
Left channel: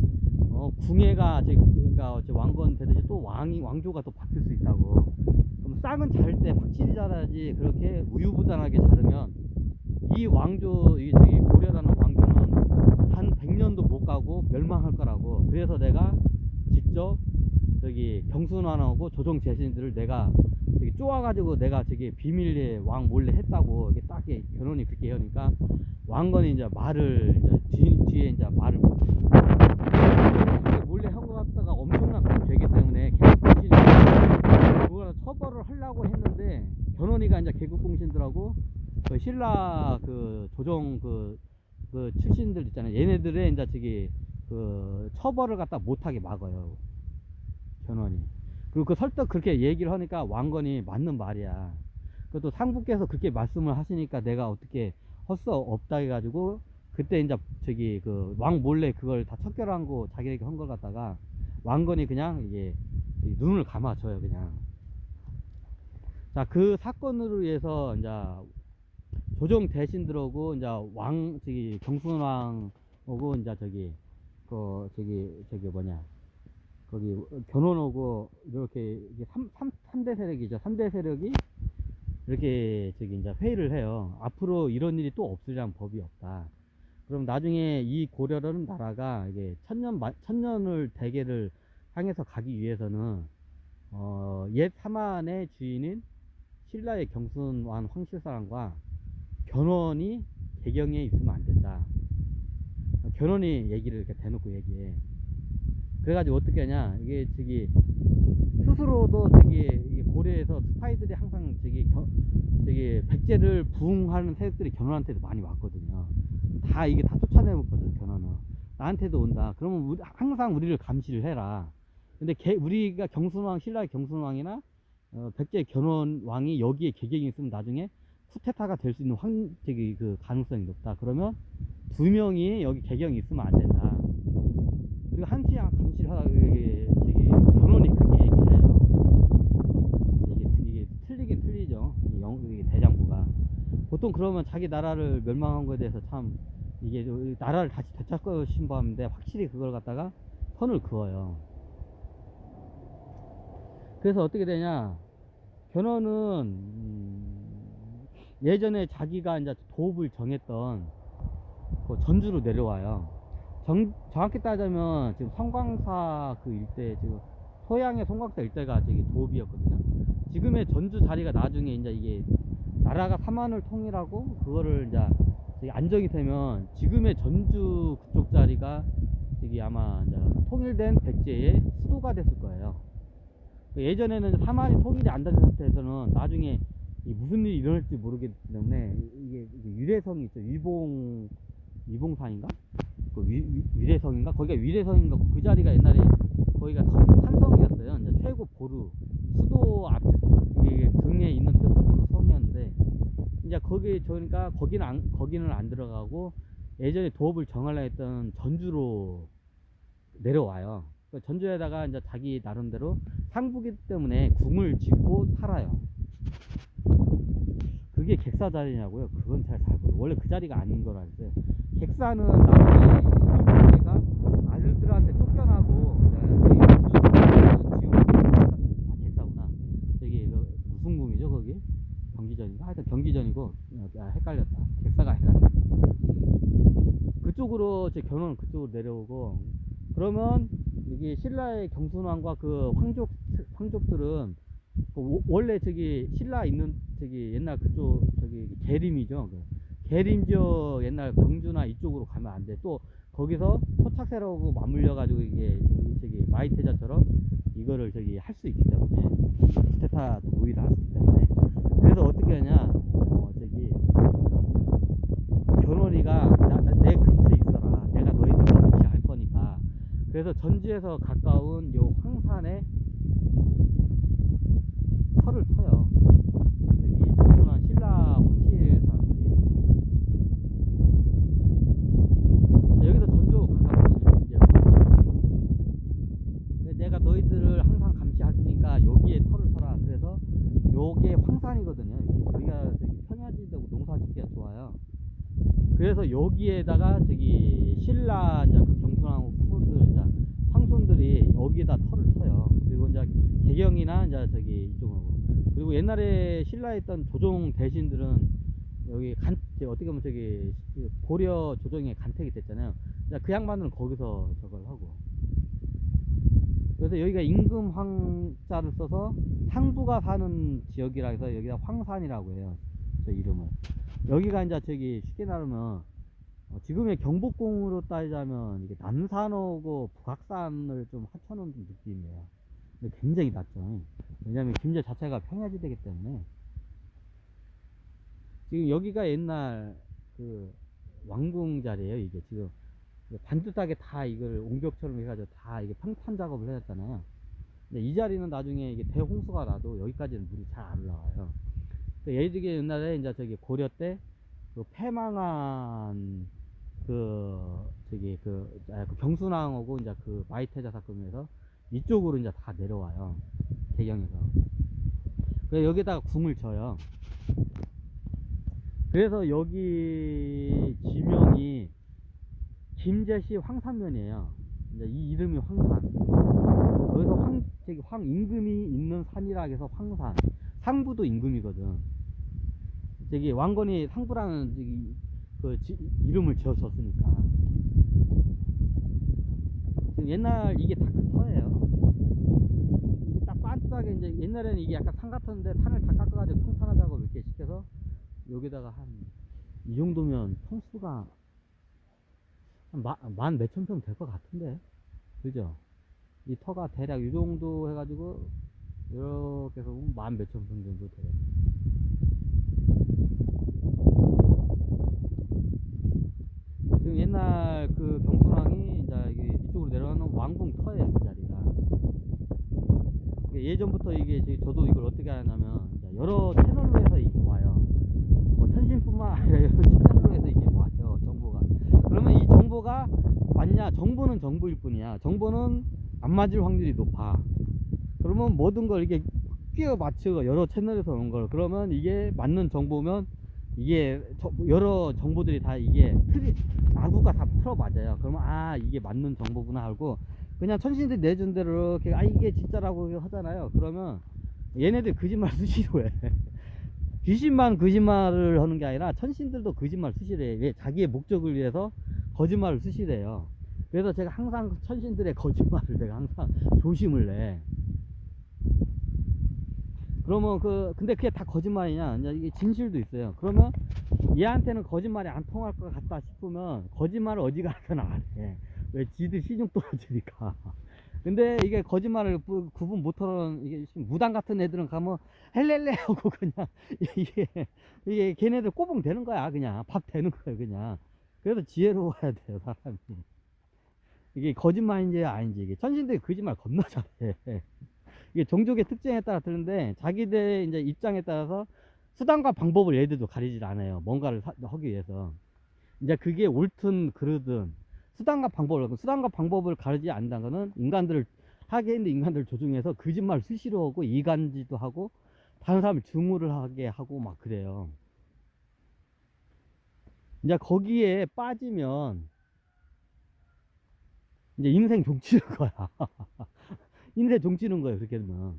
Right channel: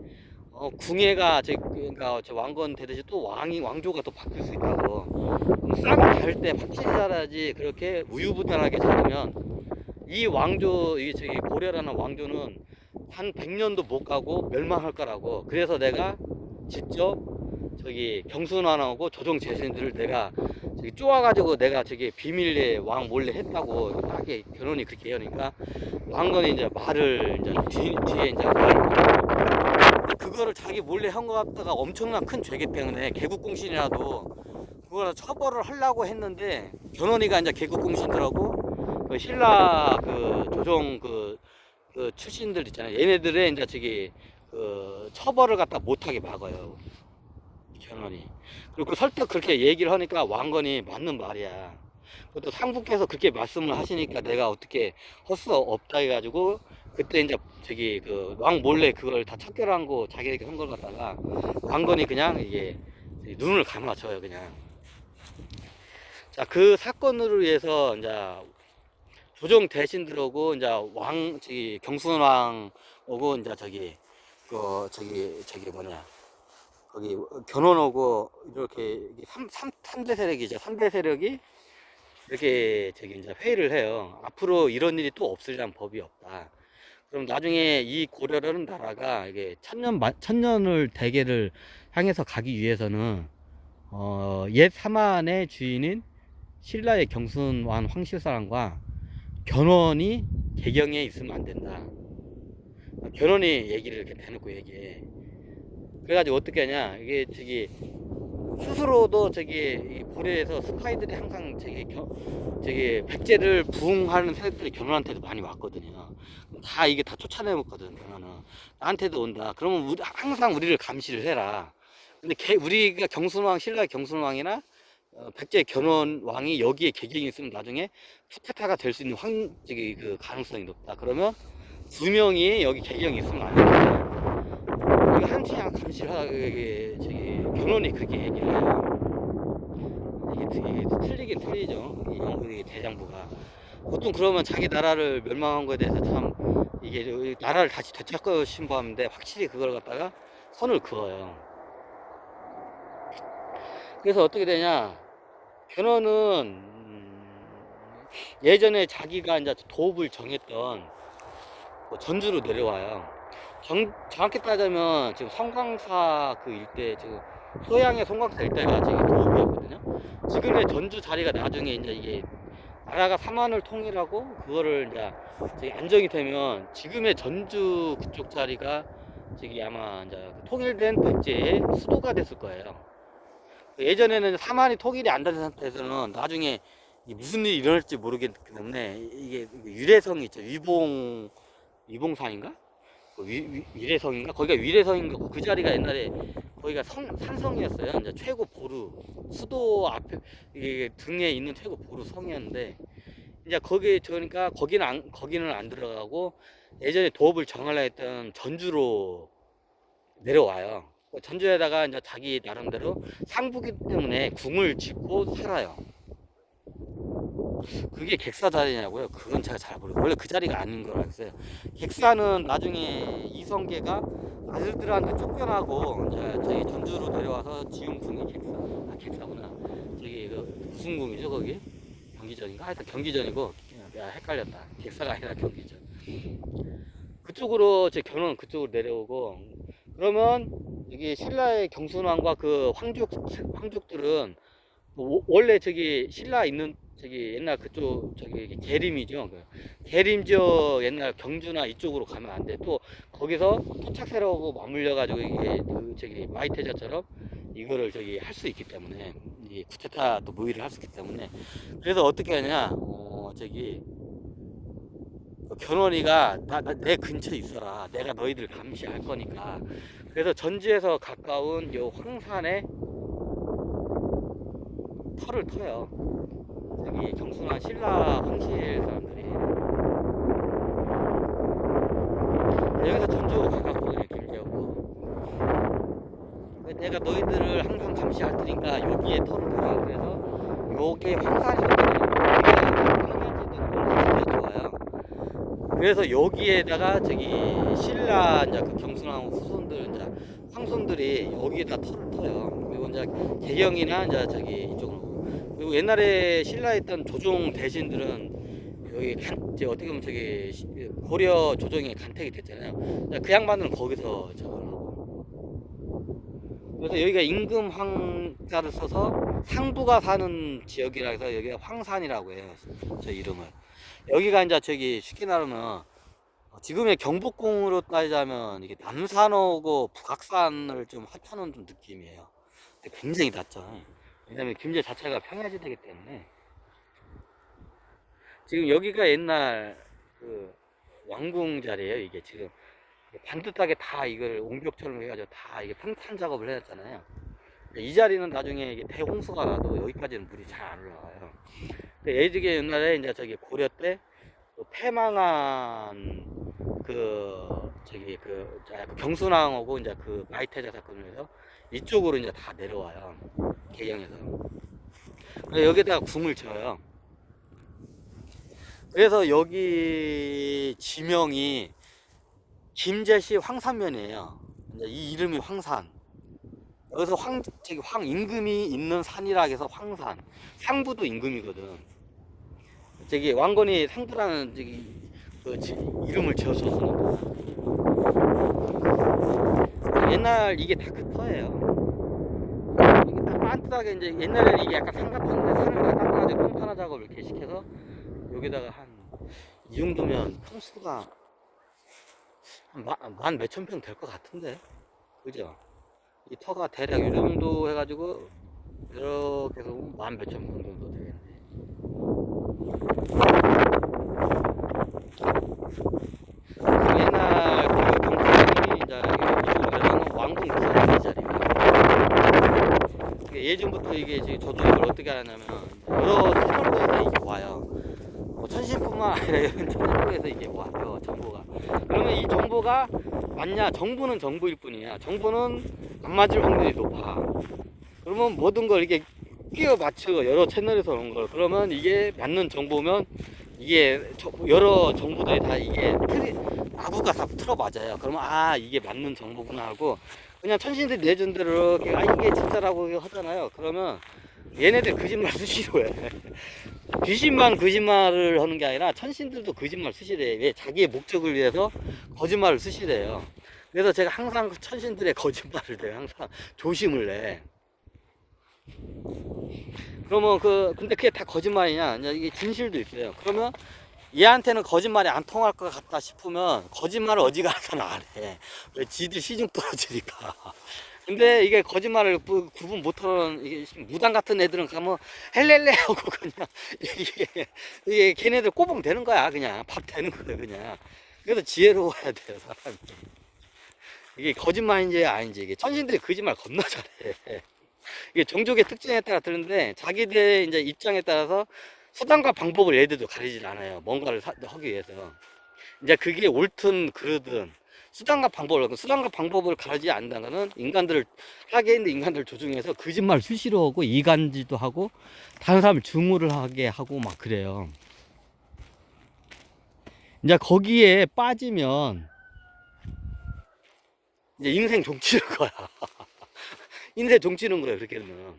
궁예가 그러니까 저 왕건 되듯이 또 왕조가 또 바뀔 수 있다고. 싹을 달 때 확실히 잘하지. 그렇게 우유부단하게 자르면 이 왕조, 이 저기 고려라는 왕조는 한 100년도 못 가고 멸망할 거라고. 그래서 내가 직접 저기 경순왕하고 조정 재신들을 내가 저기 쪼아가지고 내가 저기 비밀리에 왕 몰래 했다고. 딱 결혼이 그렇게 하니까 왕건이 이제 말을 이제 뒤에 이제 그거를 자기 몰래 한 것 같다가 엄청난 큰 죄기 때문에 개국공신이라고 그거를 처벌을 하려고 했는데, 견훤이가 이제 개국공신들하고 그 신라 그 조정 그 출신들 있잖아요. 얘네들의 이제 저기 그 처벌을 갖다 못하게 막아요, 견훤이. 그리고 그 설득 그렇게 얘기를 하니까 왕건이 맞는 말이야. 그것도 상부께서 그렇게 말씀을 하시니까 내가 어떻게 할 수 없다 해가지고 그때 이제 저기 그 왕 몰래 그걸 다 척결한 거 자기에게 한 걸 갖다가 왕건이 그냥 이게 눈을 감아줘요, 그냥. 자, 그 사건으로 위해서 이제 조정 대신들하고 이제 저기 경순왕 오고 이제 저기 저기 뭐냐 거기 견훤하고 이렇게 3대 세력이죠. 3대 세력이 이렇게 저기 이제 회의를 해요. 앞으로 이런 일이 또 없으리란 법이 없다. 그럼 나중에 이 고려라는 나라가 이게 천년을 대계를 향해서 가기 위해서는 옛 사만의 주인인 신라의 경순왕 황실사랑과 견훤이 개경에 있으면 안 된다. 견훤이 얘기를 이렇게 대놓고 얘기해. 그래가지고 어떻게 하냐, 이게 저기 스스로도 저기 고려에서 스파이들이 항상 저기 백제를 부흥하는 세력들이 견훤한테도 많이 왔거든요. 다 이게 다 쫓아내먹거든. 견훤은 나한테도 온다. 그러면 항상 우리를 감시를 해라. 근데 우리가 경순왕, 신라의 경순왕이나 백제 견훤왕이 여기에 개경이 있으면 나중에 쿠데타가 될 수 있는 저기 그 가능성이 높다. 그러면 두 명이 여기 개경이 있으면 안 된다. 이거 한치 감시를 하다가 저기 견훤이 그렇게 얘기를 해요. 이게 틀리긴 틀리죠. 이 대장부가. 보통 그러면 자기 나라를 멸망한 거에 대해서 참 이게 나라를 다시 되찾고 싶어하는데 확실히 그걸 갖다가 선을 그어요. 그래서 어떻게 되냐, 견훤은 예전에 자기가 이제 도읍을 정했던 전주로 내려와요. 정확히 따지면 지금 성광사 그 일대, 지금 소양의 성광사 일대가 지금 도읍이었거든요. 지금의 전주 자리가 나중에 이제 이게 나라가 삼한을 통일하고 그거를 이제 안정이 되면 지금의 전주 그쪽 자리가 저기 아마 이제 통일된 백제의 수도가 됐을 거예요. 예전에는 삼한이 통일이 안 된 상태에서는 나중에 무슨 일이 일어날지 모르기 때문에 이게 위례성이 있죠. 위봉산인가? 위례성인가? 거기가 위례성인가? 그 자리가 옛날에 거기가 산성이었어요. 이제 최고 보루, 수도 앞에 이게 등에 있는 최고 보루 성이었는데, 이제 그러니까 거기는 안 들어가고 예전에 도읍을 정하려 했던 전주로 내려와요. 전주에다가 이제 자기 나름대로 상부기 때문에 궁을 짓고 살아요. 그게 객사 자리냐고요? 그건 제가 잘 모르고, 원래 그 자리가 아닌 걸 알고 있어요. 객사는 나중에 이성계가 아들들한테 쫓겨나고 이제 저기 전주로 내려와서 지은 궁이 객사구나. 저기 무슨 궁이죠 거기? 경기전인가? 하여튼 경기전이고, 헷갈렸다. 객사가 아니라 경기전. 그쪽으로 제 견훤은 그쪽으로 내려오고, 그러면 이게 신라의 경순왕과 그 황족들은 원래 저기 신라 있는 저기 옛날 그쪽 저기 계림이죠. 계림지역 옛날 경주나 이쪽으로 가면 안 돼. 또 거기서 토착세력하고 맞물려 가지고 이게 저기 마이태자처럼 이거를 저기 할 수 있기 때문에, 이 쿠데타 또 모의를 할 수 있기 때문에. 그래서 어떻게 하냐, 저기 견훤이가 내 근처에 있어라. 내가 너희들 감시할 거니까. 그래서 전주에서 가까운 요 황산에 터를 터요. 저기 경순왕 신라 황실 황산이거든요. 여기가 평양지도 굉장히 좋아요. 그래서 여기에다가 저기 신라 이제 그 경순왕후 후손들 이제 황손들이 여기에다 터를 터요. 그리고 이제 개경이나 이제 저기 이쪽으로. 그리고 옛날에 신라에 있던 조종 대신들은 여기 이제 어떻게 보면 저기 고려 조정의 간택이 됐잖아요. 그 양반들은 거기서 저걸 하고. 그래서 여기가 임금 황자를 써서 상부가 사는 지역이라 해서 여기가 황산이라고 해요. 저 이름을. 여기가 이제 저기 쉽게 말하면 지금의 경복궁으로 따지자면 이게 남산하고 북악산을 좀 합쳐놓은 좀 느낌이에요. 근데 굉장히 낮죠. 왜냐면 김제 자체가 평야지대이기 때문에. 지금 여기가 옛날 그 왕궁 자리에요. 이게 지금 반듯하게 다 이걸 옹벽처럼 해가지고 다 이게 평탄 작업을 해놨잖아요. 근데 이 자리는 나중에 이게 대홍수가 나도 여기까지는 물이 잘 안 올라가요. 예지게 옛날에 이제 저기 고려 때 그 패망한 그 저기 그 경순왕하고 이제 그 마이태자 사건을 해서 이쪽으로 이제 다 내려와요. 개경에서. 그래서 여기다가 궁을 쳐요. 그래서 여기 지명이 김제시 황산면이에요. 이제 이 이름이 황산. 그래서 저기 임금이 있는 산이라 해서 황산. 상부도 임금이거든. 저기 왕건이 상부라는 저기 그 이름을 지었었으니까. 옛날 이게 다 그 터예요. 이게 딱 반듯하게 이제 옛날에는 이게 약간 산 같은데 산을 다 깎아가지고 평탄화 작업을 이렇게 시켜서 여기다가 한 이 정도면 평수가 한 만 몇천 평 될 것 같은데, 그죠? 이 터가 대략 이 정도 해가지고 이렇게 해서 만 몇천 평 정도 되겠네. 그 옛날 그 경찰이 이제 이쪽으로 내려오는 왕궁 그 자리가. 예전부터 이게 저도 이걸 어떻게 알았냐면 여러 채널로에서 이게 와요. 천신뿐만 아니라 이런 채널로에서 이게 와요, 정보가. 그러면 이 정보가 맞냐? 정보는 정보일 뿐이야. 정보는 안 맞을 확률이 높아. 그러면 모든 걸 이게 끼워 맞추고 여러 채널에서 온 걸, 그러면 이게 맞는 정보면 이게 여러 정보들이 다 이게 아구가 다 틀어 맞아요. 그러면 아, 이게 맞는 정보구나 하고 그냥 천신들 내준 대로 아, 이게 진짜라고 하잖아요. 그러면 얘네들 거짓말 수시로 해. 귀신만 거짓말을 하는 게 아니라 천신들도 거짓말 수시래. 왜? 자기의 목적을 위해서 거짓말을 수시래요. 그래서 제가 항상 천신들의 거짓말을 내가 항상 조심을 내. 그러면 근데 그게 다 거짓말이냐? 이게 진실도 있어요. 그러면 얘한테는 거짓말이 안 통할 것 같다 싶으면 거짓말을 어디 가서는 안 해. 왜? 지들 시중 떨어지니까. 근데 이게 거짓말을 구분 못하는 이게 무당 같은 애들은 가면 헬렐레 하고 그냥 이게 걔네들 꼬봉 되는 거야. 그냥 밥 되는 거야 그냥. 그래서 지혜로워야 돼요 사람이. 이게 거짓말인지 아닌지. 이게 천신들이 거짓말 겁나 잘해. 이게 종족의 특징에 따라 다른데 자기들의 이제 입장에 따라서 수단과 방법을 얘들도 가리질 않아요. 뭔가를 하기 위해서. 이제 그게 옳든 그르든 수단과 방법을 가리지 않는다는 것은 인간들을 하게 있는 인간들 조중에서 거짓말 수시로 하고 이간질도 하고 다른 사람을 증오를 하게 하고 막 그래요. 이제 거기에 빠지면 이제 인생 종치는 거야. 인생 종치는 거예요, 그렇게 되면.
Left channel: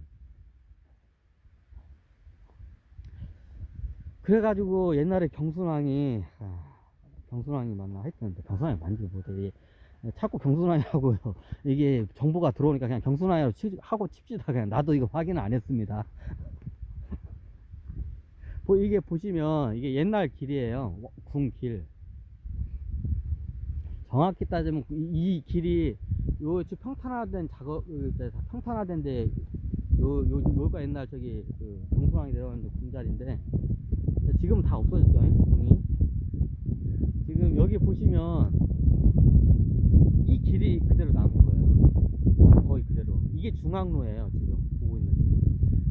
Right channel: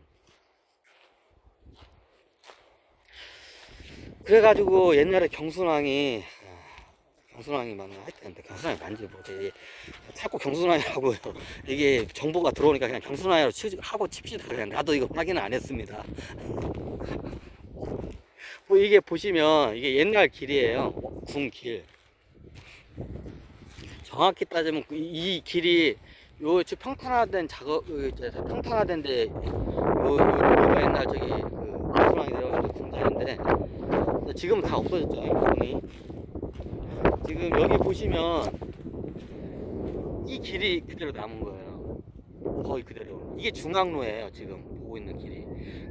그래가지고 옛날에 경순왕이 맞나 하여튼 경순왕이 맞는지 모르겠어요. 자꾸 경순왕이라고 이게 정보가 들어오니까 그냥 경순왕이라고 하고 칩시다. 그냥 나도 이거 확인 안 했습니다. 뭐 이게 보시면 이게 옛날 길이에요. 궁길. 정확히 따지면 이 길이 요 평탄화된 평탄화된데 요가 옛날 저기 그 경순왕이 내려가지고 궁자인데 지금 다 없어졌죠. 궁이. 지금 여기 보시면 이 길이 그대로 남은 거예요. 거의 그대로. 이게 중앙로예요. 지금 보고 있는 길이.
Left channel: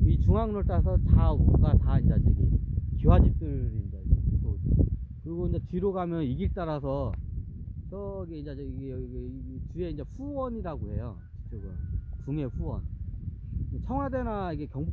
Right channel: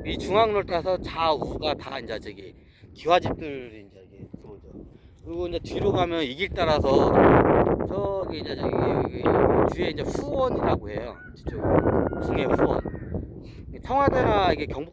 이 중앙로를 따라서 좌우가 다 이제 저기 기와집들이 이제 들어오죠. 그리고 이제 뒤로 가면 이 길 따라서 저기 이제 저기 여기 뒤에 이제 후원이라고 해요. 저쪽 궁의 후원. 청와대나 이게 경북